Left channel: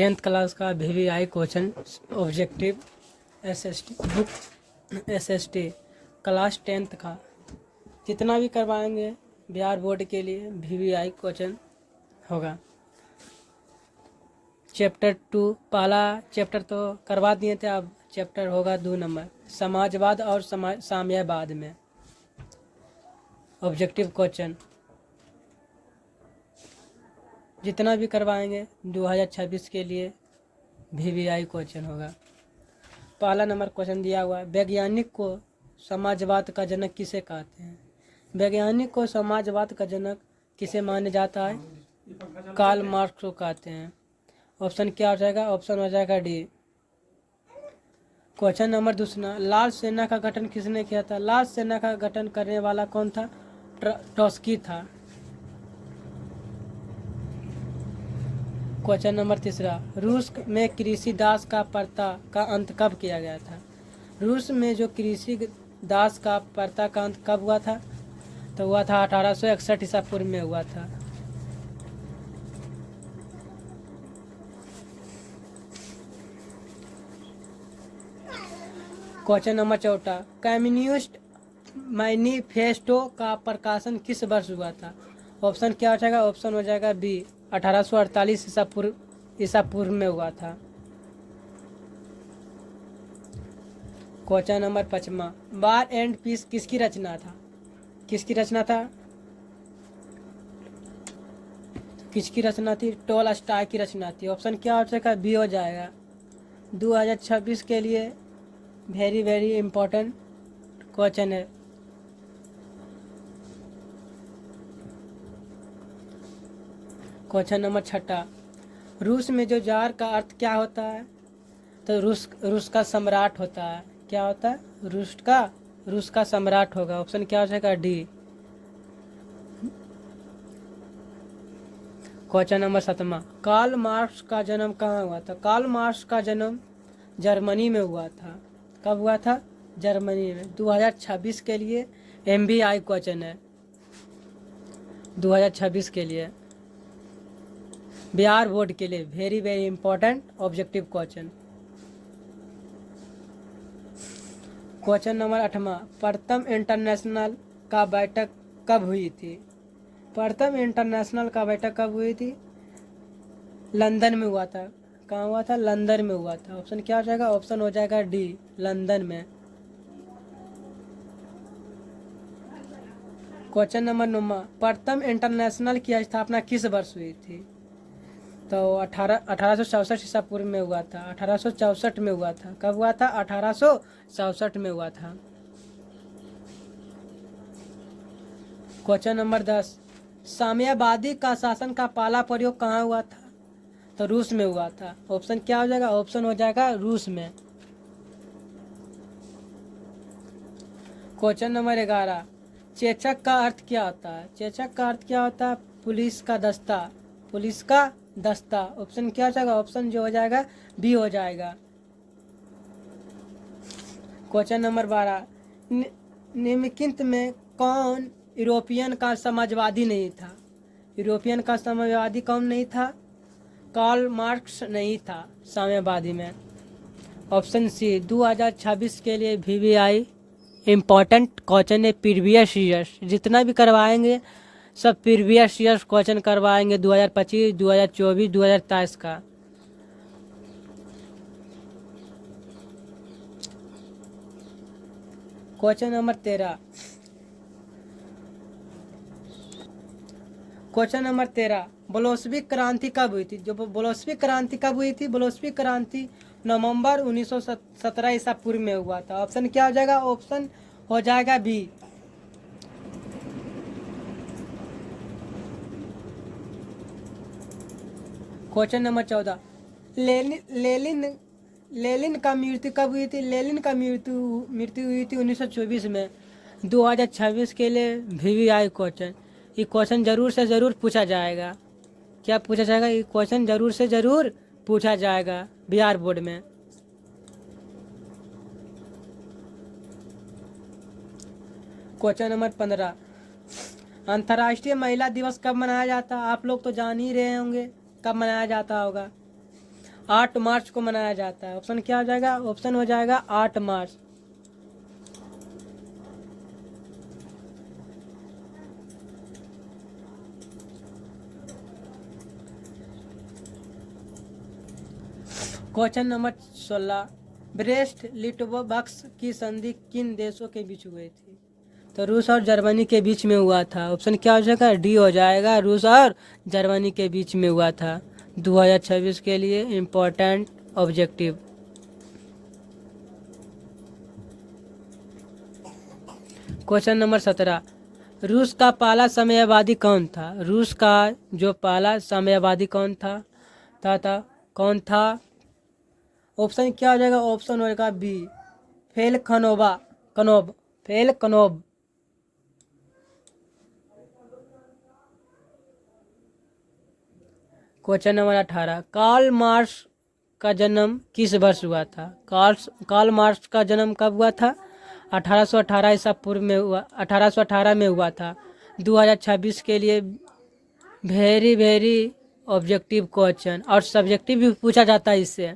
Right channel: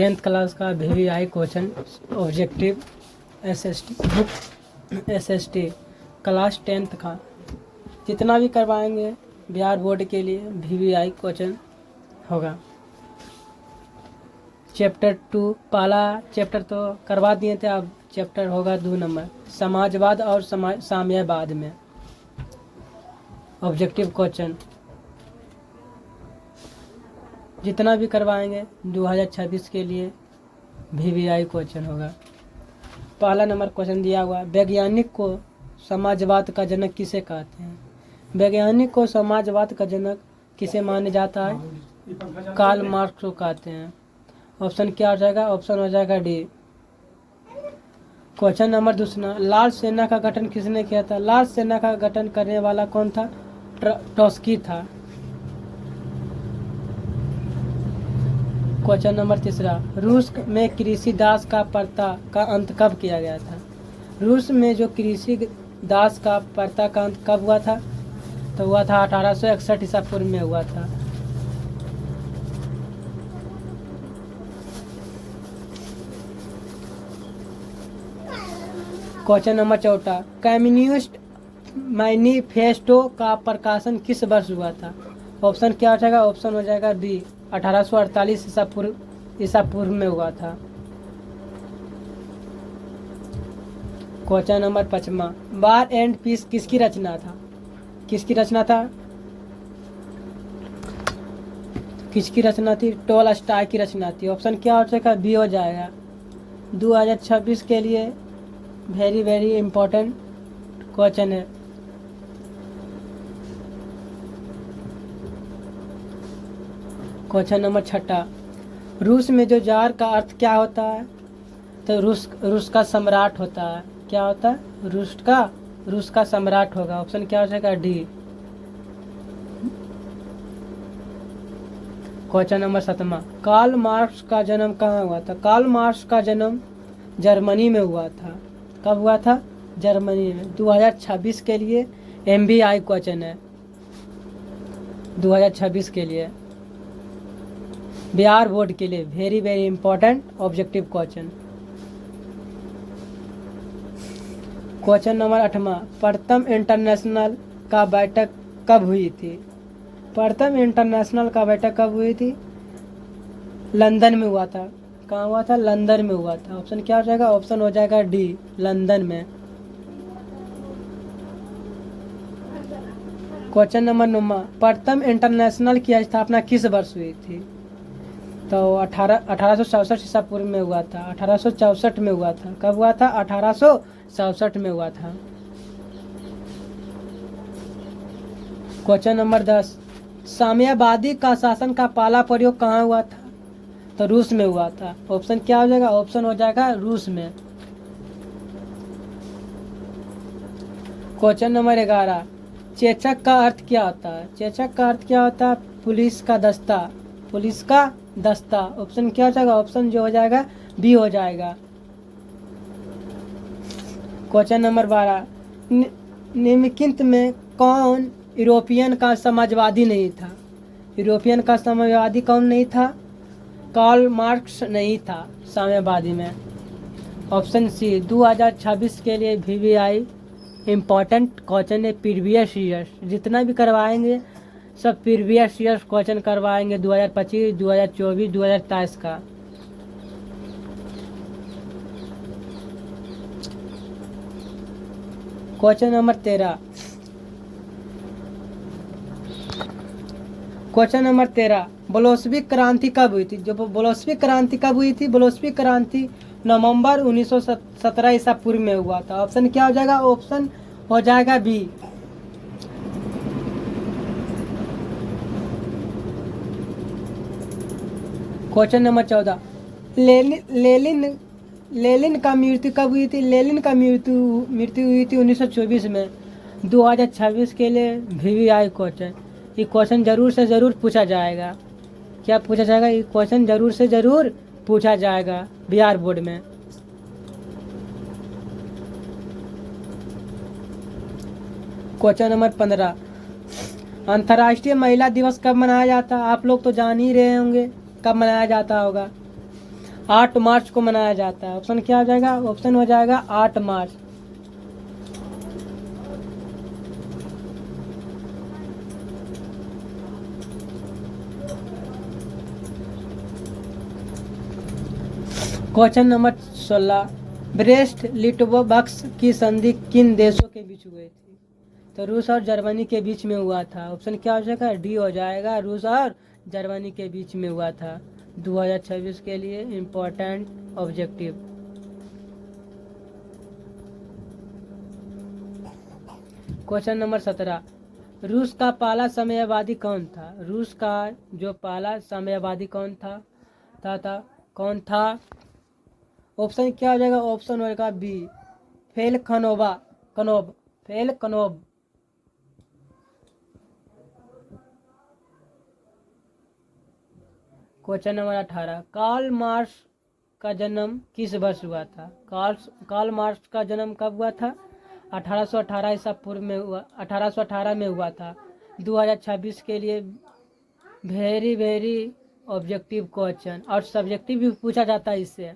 10th class का VVI question objective SST book SST class 10th का जितना भी करवाएंगे बिहार बोर्ड के लिए VVI क्वेश्चन होगा। चैप्टर 2 पहला चैप्टर तो करवा दिए थे, अब चैप्टर होगा 2 नंबर समाजवाद और साम्यवाद में ऑब्जेक्टिव क्वेश्चन जितना भी करवाएंगे 2026 के लिए VVI क्वेश्चन होगा। पहला नंबर क्वेश्चन दिया हुआ, वैज्ञानिक को समाजवाद का जनक किसे कहते हैं? वैज्ञानिक को समाजवाद का जनक किसे माना जाता है? कार्ल मार्क्स को कहते हैं। ऑप्शन क्या हो जाएगा? ऑप्शन हो जाएगा डी। क्वेश्चन नंबर दूसरा, लाल सेना का गठन किसने किया था? लाल सेना का गठन करने वाला कौन था? ट्रॉट्स्की था। क्वेश्चन नंबर तीसरा, रूस में कृषि दास का प्रथा का अंत कब किया गया था? रूस में जो कृषि दास का प्रथा का अंत कब हुआ था? तो हुआ था 1861 ईसा पूर्व में हुआ था। क्वेश्चन नंबर चौथा, कम्युनिस्ट मैनिफेस्टो का प्रकाशन किस वर्ष हुआ था? ऑप्शन क्या हो जाएगा? ऑप्शन हो जाएगा बी, 1848 ईसा पूर्व में हुआ था। क्वेश्चन नंबर 5वां, वार एंड पीस किसकी रचना था? किसकी रचना था? किसकी रचना थी? टॉलस्टॉय की रचना थी। ऑप्शन क्या हो जाएगा? बी हो जाएगा। 2026 के लिए वेरी वेरी इंपॉर्टेंट क्वेश्चन है। क्वेश्चन नंबर 6, रूस में जो जार का अर्थ क्या होता है? तो रूस का सम्राट होता है। क्या होता है? रूस का सम्राट होगा। ऑप्शन क्या हो जाएगा? D. Question number 7, Karl Marx का जन्म कहाँ हुआ था? कार्ल मार्क्स का जन्म जर्मनी में हुआ था। कब हुआ था? जर्मनी में। 2026 के लिए MBI क्वेश्चन है। 2026 के लिए बिहार बोर्ड के लिए very very important objective question. Question number 8, प्रथम इंटरनेशनल का बैठक कब हुई थी? प्रथम इंटरनेशनल का बैठक कब हुई थी? लंदन में हुआ था। कहाँ हुआ था? लंदन में हुआ था। ऑप्शन क्या हो जाएगा? ऑप्शन हो जाएगा डी, लंदन में। क्वेश्चन नंबर 9, प्रथम इंटरनेशनल की स्थापना किस वर्ष हुई थी? तो 1864 ईसा पूर्व में हुआ था। 1864 में हुआ था। कब हुआ था? 1864 में हुआ था। क्वेश्चन नंबर 10, साम्यवादी का शासन का पहला प्रयोग कहाँ हुआ था? तो रूस में हुआ था। ऑप्शन क्या हो जाएगा? ऑप्शन हो जाएगा रूस में। क्वेश्चन नंबर 11, चेचक का अर्थ क्या होता है? चेचक का अर्थ क्या होता है? पुलिस का दस्ता। पुलिस का दस्ता। ऑप्शन क्या हो जाएगा? ऑप्शन जो हो जाएगा बी हो जाएगा। क्वेश्चन नंबर 12, निम्नलिखित में कौन यूरोपियन का समाजवादी नहीं था? यूरोपियन का समाजवादी कौन नहीं था? कार्ल मार्क्स नहीं था साम्यवादी में। Option C. 2026 के लिए VVI इम्पॉर्टेंट क्वेश्चन है। प्रीवियस ईयर्स जितना भी करवाएंगे सब प्रीवियस ईयर्स क्वेश्चन करवाएंगे, 2025, 2024, 2023 का। Question number 13, question number 13, Bolshevik क्रांति कब हुई थी? जो बोल्शेविक क्रांति कब हुई थी? बोल्शेविक क्रांति नवंबर 1917 ईसा पूर्व में हुआ था। ऑप्शन क्या हो जाएगा? ऑप्शन हो जाएगा बी। क्वेश्चन नंबर 14, लेनिन का मृत्यु कब हुई थी? लेनिन का मृत्यु हुई थी 1924 में। 2026 के लिए VVI क्वेश्चन। ये क्वेश्चन जरूर से जरूर पूछा जाएगा। क्या पूछा जाएगा? ये क्वेश्चन जरूर से जरूर पूछा जाएगा बिहार बोर्ड में। क्वेश्चन नंबर 15, अंतर्राष्ट्रीय महिला दिवस कब मनाया जाता है? आप लोग तो जान ही रहे होंगे कब मनाया जाता होगा। 8 मार्च को मनाया जाता है। ऑप्शन क्या हो जाएगा? ऑप्शन हो जाएगा 8 मार्च। क्वेश्चन नंबर 16, ब्रेस्ट लिटोवस्क की संधि किन देशों के बीच हुई थी? तो रूस और जर्मनी के बीच में हुआ था। ऑप्शन क्या हो जाएगा? डी हो जाएगा, रूस और जर्मनी के बीच में हुआ था। 2026 के लिए इम्पोर्टेंट ऑब्जेक्टिव। क्वेश्चन नंबर 17, रूस का पहला साम्यवादी कौन था? रूस का जो पहला साम्यवादी कौन था कौन था? ऑप्शन क्या हो जाएगा? ऑप्शन होगा बी, फेल कनोब। क्वेश्चन नंबर 18, कार्ल मार्क्स का जन्म किस वर्ष हुआ था? कार्ल मार्क्स का जन्म कब हुआ था? 1818 ईसा पूर्व में हुआ, 1818 में हुआ था। 2026 के लिए वेरी वेरी ऑब्जेक्टिव क्वेश्चन, और सब्जेक्टिव भी पूछा जाता है इससे।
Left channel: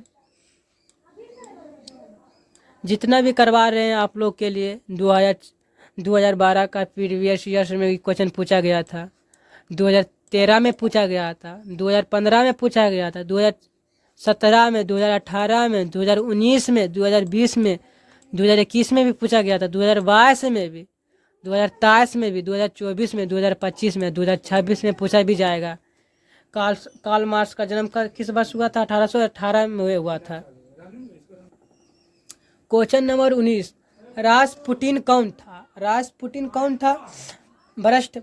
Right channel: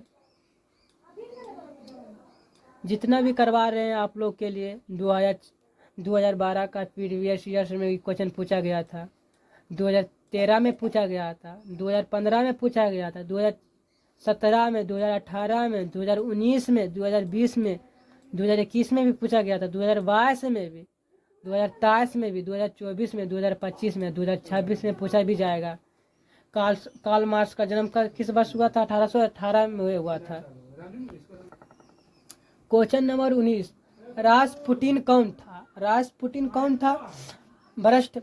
जितना भी करवा रहे हैं आप लोग के लिए, 2012 का प्रीवियस ईयर्स में भी क्वेश्चन पूछा गया था, 2013 में पूछा गया था, 2015 में पूछा गया था, 2017 में, 2018 में, 2019 में, 2020 में, 2021 में भी पूछा गया था, 2022 में भी, 2023 में भी, 2024 में, 2025 में, 2026 में पूछा भी जाएगा। कार्ल मार्क्स का जन्म किस वर्ष हुआ था? 1818 में हुआ था। क्वेश्चन नंबर 19, रासपुटिन कौन था? रासपुटिन कौन था? भ्रष्ट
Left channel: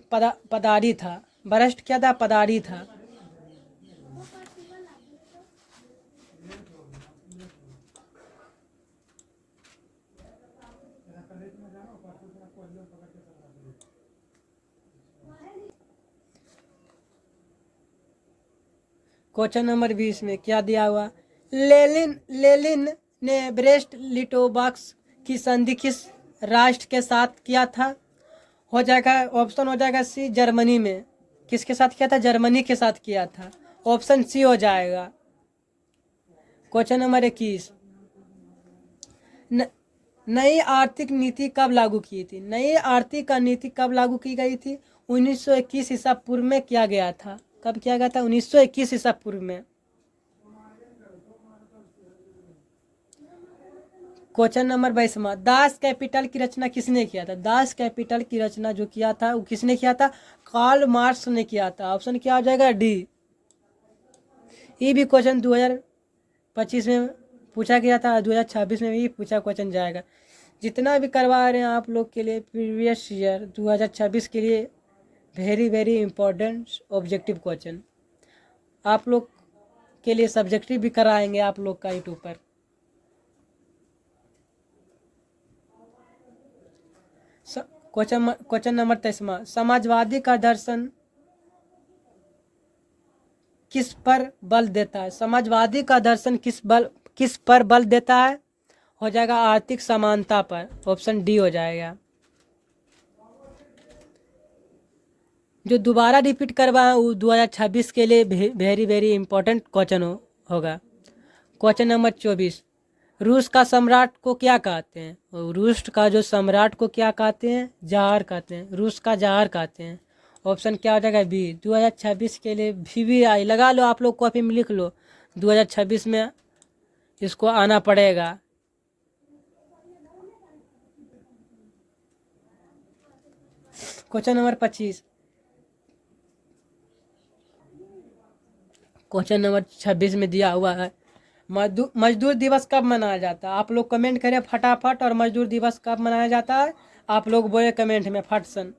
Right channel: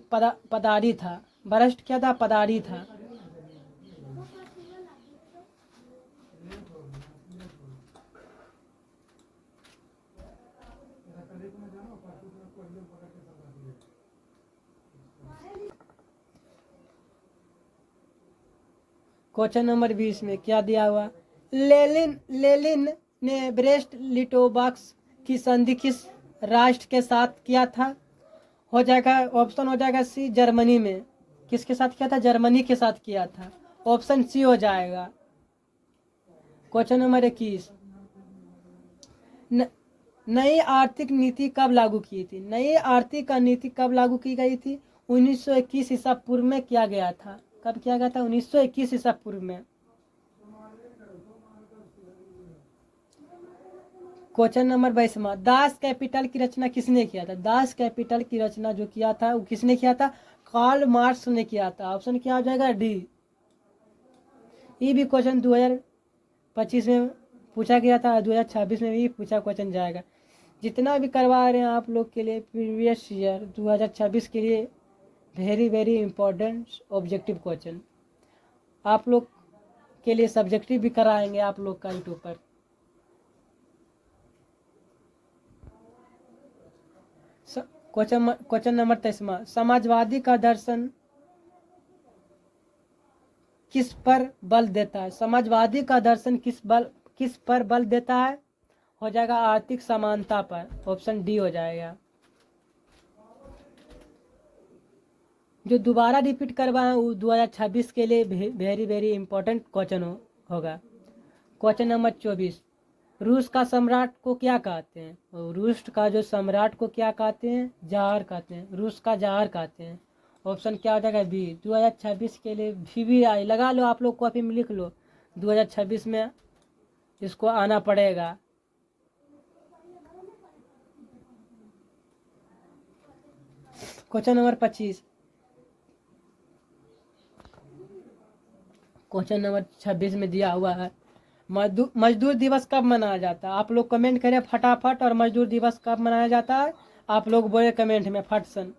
पदारी था। भ्रष्ट क्या था? पदारी था। क्वेश्चन नंबर 20 में क्या दिया हुआ? लेनिन ने ब्रेस्ट लिटोवस्क की संधि किस राष्ट्र के साथ किया था? हो जाएगा, ऑप्शन हो जाएगा सी, जर्मनी में। किसके साथ किया था? जर्मनी के साथ किया था। ऑप्शन सी हो जाएगा। क्वेश्चन नंबर 21, नई आर्थिक नीति कब लागू की थी? नई आर्थिक नीति कब लागू की गई थी? 1921 ईसा पूर्व में किया गया था। कब किया गया था? 1921 ईसा पूर्व में। क्वेश्चन नंबर 22, दास कैपिटल की रचना किसने किया था? दास कैपिटल की रचना जो किया था वो किसने किया था? कार्ल मार्क्स ने किया था। ऑप्शन क्या हो जाएगा? डी। ये भी क्वेश्चन 2025 में पूछा गया था, 2026 में भी पूछा क्वेश्चन जाएगा। जितना भी करवा रहे हैं आप लोग के लिए प्रीवियस ईयर 2026 के लिए very very important objective question आप लोग के लिए सब्जेक्टिव भी कराएंगे आप लोग का यूट्यूब पर। क्वेश्चन नंबर 23, समाजवादी का दर्शन किस पर बल देता है? समाजवादी का दर्शन किस पर बल देता है? हो जाएगा आर्थिक समानता पर। ऑप्शन डी हो जाएगा। जो दोबारा रिपीट करवाएं वो 2026 के लिए वेरी वेरी इंपॉर्टेंट क्वेश्चन होगा। क्वेश्चन नंबर 24, रूस का सम्राट को क्या कहते हैं? रूस का जो सम्राट को क्या कहते हैं? जार कहते हैं। रूस का जार कहते हैं। ऑप्शन क्या हो जाएगा? बी। 2026 के लिए VVI लगा लो, आप लोग कॉपी में लिख लो, 2026 में इसको आना पड़ेगा। क्वेश्चन नंबर 25, क्वेश्चन नंबर 26 में दिया हुआ है, मजदूर दिवस कब मनाया जाता है? आप लोग कमेंट करें फटाफट, और मजदूर दिवस कब मनाया जाता है? आप लोग बोले कमेंट में फट सन।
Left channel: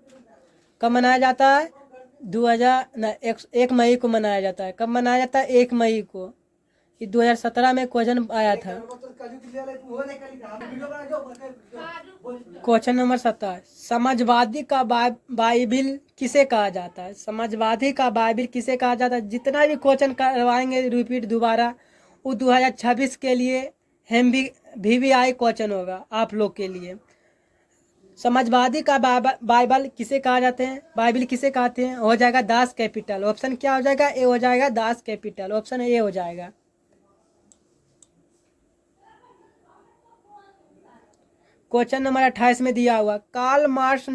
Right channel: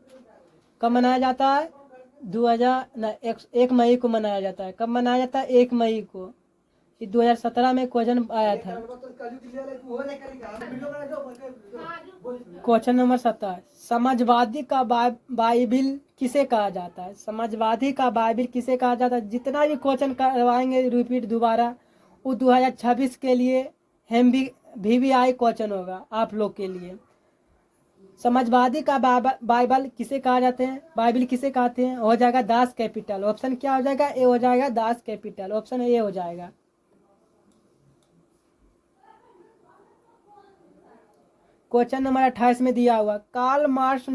कब मनाया जाता है? 1 मई को मनाया जाता है। कब मनाया जाता है? 1 मई को। ये 2017 में क्वेश्चन आया था। क्वेश्चन नंबर 17, समाजवादी का बाइबिल किसे कहा जाता है? समाजवादी का बाइबिल किसे कहा जाता है? जितना भी क्वेश्चन करवाएंगे रिपीट दोबारा वो 2026 के लिए हम भी VVI क्वेश्चन होगा आप लोग के लिए। समाजवादी का बाइबल किसे कहा जाते हैं? बाइबिल किसे कहते हैं? हो जाएगा दास कैपिटल। ऑप्शन क्या हो जाएगा? ए हो जाएगा, दास कैपिटल। ऑप्शन ए हो जाएगा। क्वेश्चन नंबर 28 में दिया हुआ, कार्ल मार्क्स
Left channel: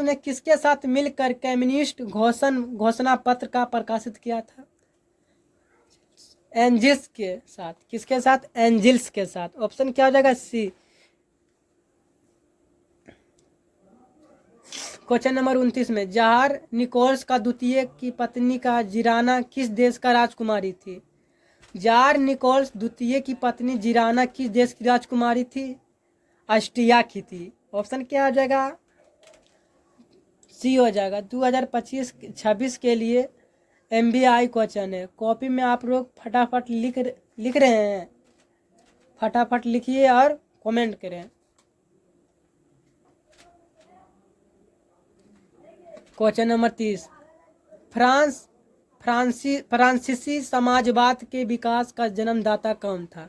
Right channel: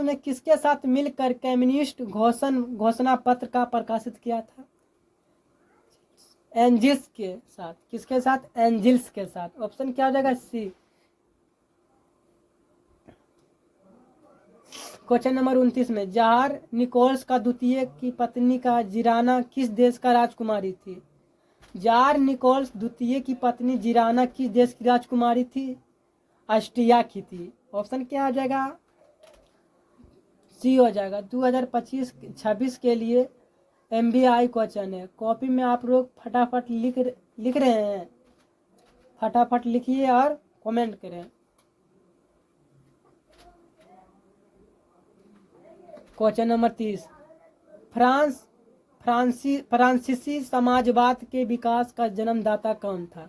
ने किसके साथ मिलकर कम्युनिस्ट घोषणा पत्र का प्रकाशित किया था? एंजिल्स के साथ। किसके साथ? एंजिल्स के साथ। ऑप्शन क्या हो जाएगा? सी। क्वेश्चन नंबर 29 में, जार निकोल्स का द्वितीय की पत्नी का जिराना किस देश का राजकुमारी थी? जार निकोल्स द्वितीय की पत्नी जिराना किस देश की राजकुमारी थी? ऑस्ट्रिया की थी। ऑप्शन क्या हो जाएगा? सी हो जाएगा। 2025-26 के लिए MBI क्वेश्चन है। कॉपी में आप लोग फटाफट लिख रहे हैं, फटाफट लिखिए और कमेंट करें। क्वेश्चन नंबर 30, फ्रांसीसी समाजवाद के विकास का जन्मदाता कौन था?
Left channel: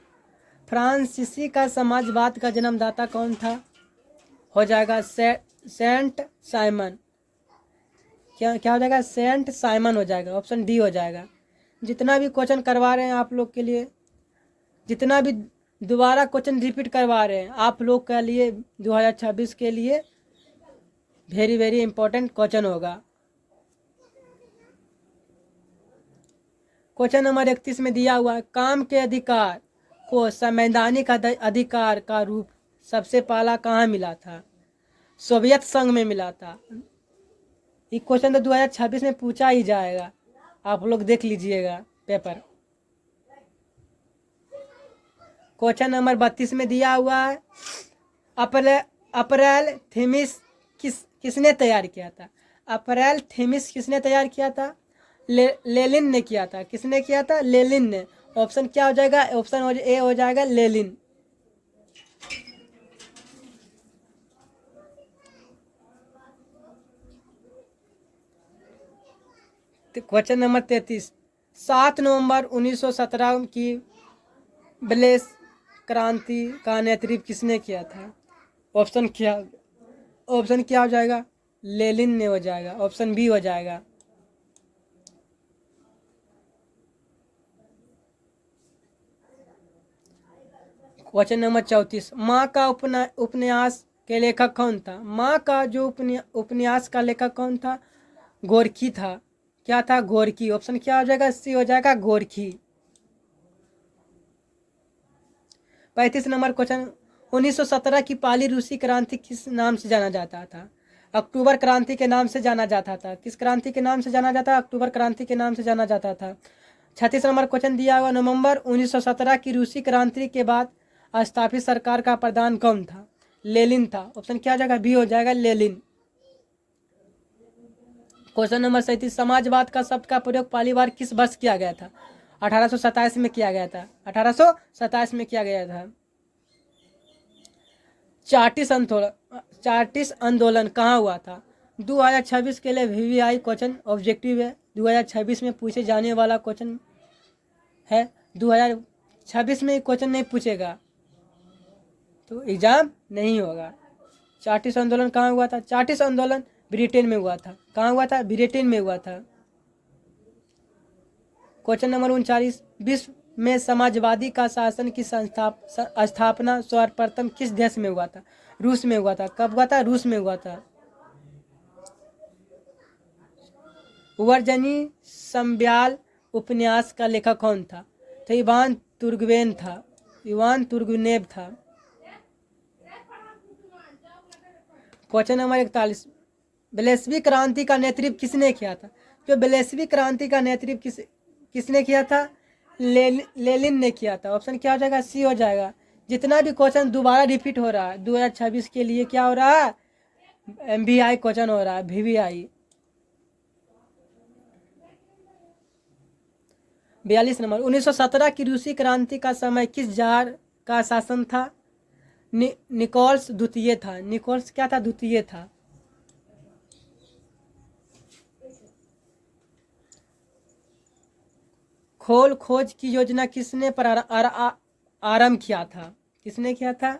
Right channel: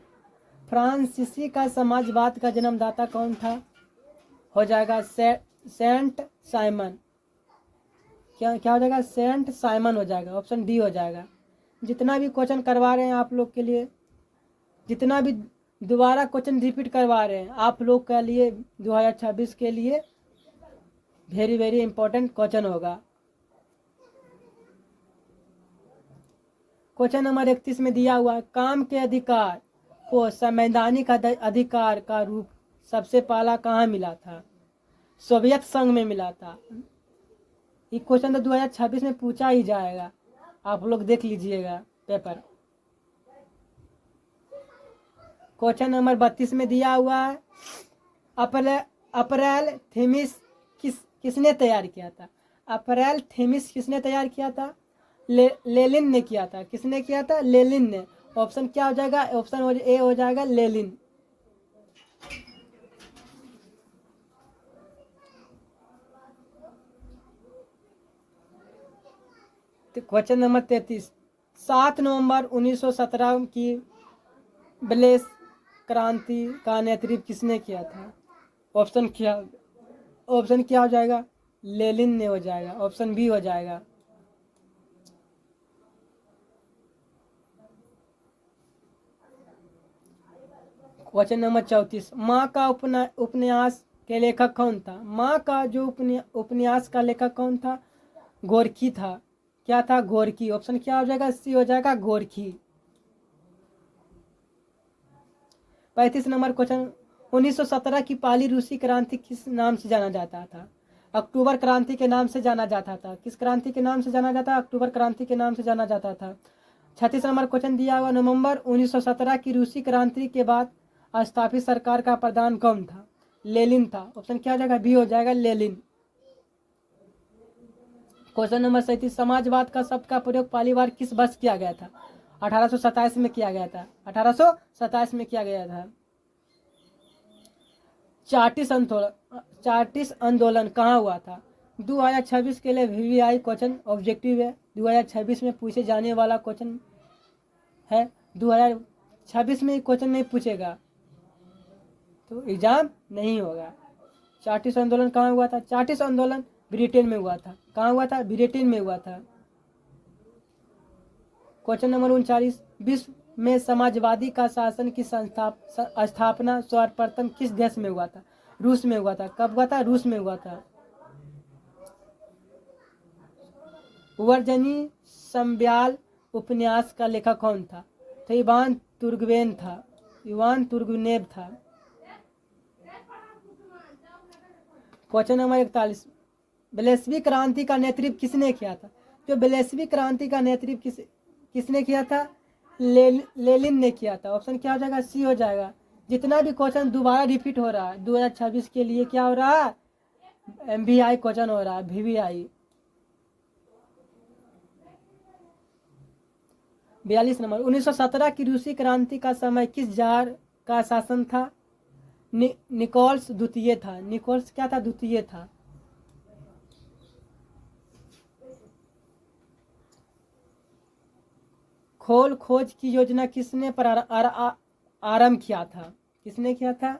फ्रांसीसी का समाजवाद का जन्मदाता कौन था? हो जाएगा सेंट साइमन। क्या हो जाएगा? सेंट साइमन हो जाएगा। ऑप्शन डी हो जाएगा। जितना भी क्वेश्चन करवा रहे हैं आप लोग के लिए, जितना भी दोबारा क्वेश्चन रिपीट करवा रहे हैं आप लोग के लिए 2026 के लिए वेरी वेरी इंपॉर्टेंट क्वेश्चन होगा। क्वेश्चन नंबर 31 में दिया हुआ, काम के अधिकार को संवैधानिक अधिकार का रूप सबसे पहला कहाँ मिला था? सोवियत संघ में मिला था। ये क्वेश्चन तो 2026 में पूछा ही जाएगा, आप लोग देख लीजिएगा पेपर। क्वेश्चन नंबर 32 में दिया हुआ है, अप्रैल थीमिस किसने तैयार किया था? अप्रैल थीमिस किसने तैयार किया था? लेनिन ने किया था। किसने किया था? लेनिन ने। ऑप्शन क्या हो जाएगा? ऑप्शन ए हो जाएगा लेनिन। क्वेश्चन नंबर 33, 7 नवंबर 1917 की ब्लेस क्रांति का नेतृत्व किसने किया था? ऑप्शन क्या हो जाएगा? लेनिन ने हो जाएगा। ऑप्शन बी हो जाएगा। क्वेश्चन नंबर 34, माँ का उपन्यास के लेखक कौन था? माँ का जो उपन्यास का लेखक कौन था? गोरकी था। क्या था? गोरकी। ऑप्शन क्या हो जाएगा? सी हो जाएगा, गोरकी। 35 नंबर क्वेश्चन, 1917 की पहली रूसी क्रांति किस नाम से जाना जाता था? अक्टूबर क्रांति के नाम से जाना जाता था। किस क्रांति के नाम से जाना जाता? अक्टूबर क्रांति के नाम से जाना जाता था। 36 नंबर क्वेश्चन दिया हुआ, नवंबर 1917 की रूसी क्रांति के बाद स्थापित सरकार का प्रधान कौन था? लेनिन था। ऑप्शन क्या हो जाएगा? बी हो जाएगा, लेनिन। क्वेश्चन नंबर 37, समाजवाद का शब्द का प्रयोग पहली बार किस वर्ष किया गया था? 1827 में किया गया था। 1827 में किया गया था। चार्टिस्ट आंदोलन कहाँ हुआ था? 2026 के लिए VVI क्वेश्चन ऑब्जेक्टिव है। 2026 में पूछे जाने वाला क्वेश्चन है। 2026 में क्वेश्चन नहीं पूछेगा तो एग्जाम नहीं होगा। चार्टिस्ट आंदोलन कहाँ हुआ था? चार्टिस्ट आंदोलन ब्रिटेन में हुआ था। कहाँ हुआ था? ब्रिटेन में हुआ था। क्वेश्चन नंबर 39, विश्व में समाजवादी का शासन की स्थापना सर्वप्रथम किस देश में हुआ था? रूस में हुआ था। कब हुआ था? रूस में हुआ था। वर्जनी संब्याल उपन्यास का लेखक कौन था? तो इवान तुर्गेनेव था। इवान तुर्गेनेव था। क्वेश्चन नंबर 41, ब्लेसविक क्रांति का नेतृत्व किसने किया था? जो ब्लेसविक क्रांति का नेतृत्व किसने किया था? लेनिन ने किया था। ऑप्शन क्या हो जाएगा? सी हो जाएगा। जितना भी क्वेश्चन दोबारा रिपीट हो रहा है 2026 के लिए क्या हो रहा है? MBI क्वेश्चन हो रहा है, VVI। 42 नंबर, 1917 की रूसी क्रांति का समय किस जार का शासन था? निकोल्स द्वितीय था। निकोल्स क्या था? द्वितीय था। खोज की योजना किसने आरंभ किया था? किसने किया था?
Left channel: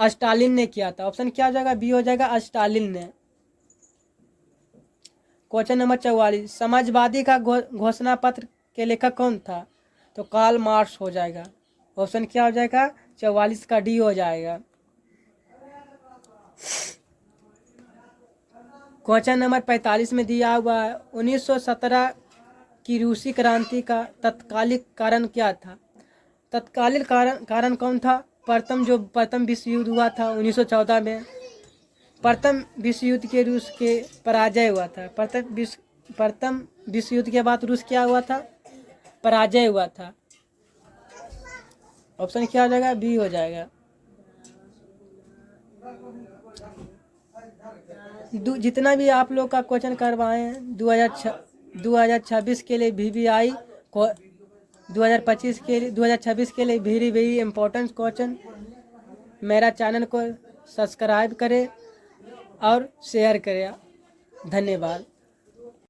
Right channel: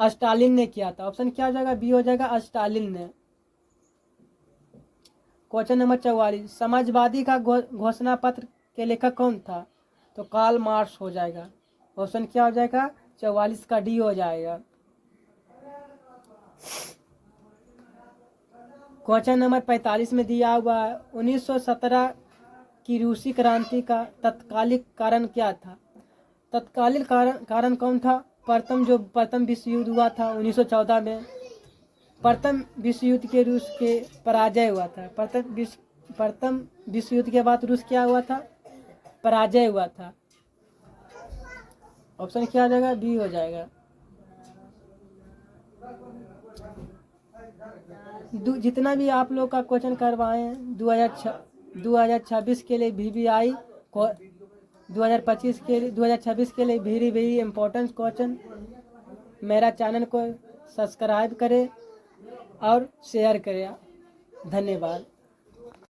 स्टालिन ने किया था। ऑप्शन क्या हो जाएगा? बी हो जाएगा, स्टालिन ने। क्वेश्चन नंबर 44, समाजवादी का घोषणा पत्र के लेखक कौन था? तो कार्ल मार्क्स हो जाएगा। ऑप्शन क्या हो जाएगा? 44 का डी हो जाएगा। क्वेश्चन नंबर 45 में दिया हुआ है 1917 की रूसी क्रांति का तत्कालिक कारण क्या था? तत्कालिक कारण कौन था? प्रथम विश्व युद्ध हुआ था 1914 में। प्रथम विश्व युद्ध के रूस के पराजय हुआ था। प्रथम विश्व युद्ध के बाद रूस क्या हुआ था? पराजय हुआ था। ऑप्शन क्या हो जाएगा? बी हो जाएगा। जितना भी आप लोग का क्वेश्चन करवाए हैं 2026 के लिए VVI 2025 के लिए 2026 के लिए वेरी वेरी इम्पोर्टेंट क्वेश्चन। मेरा चैनल को सब्सक्राइब करें और शेयर करें। धन्यवाद।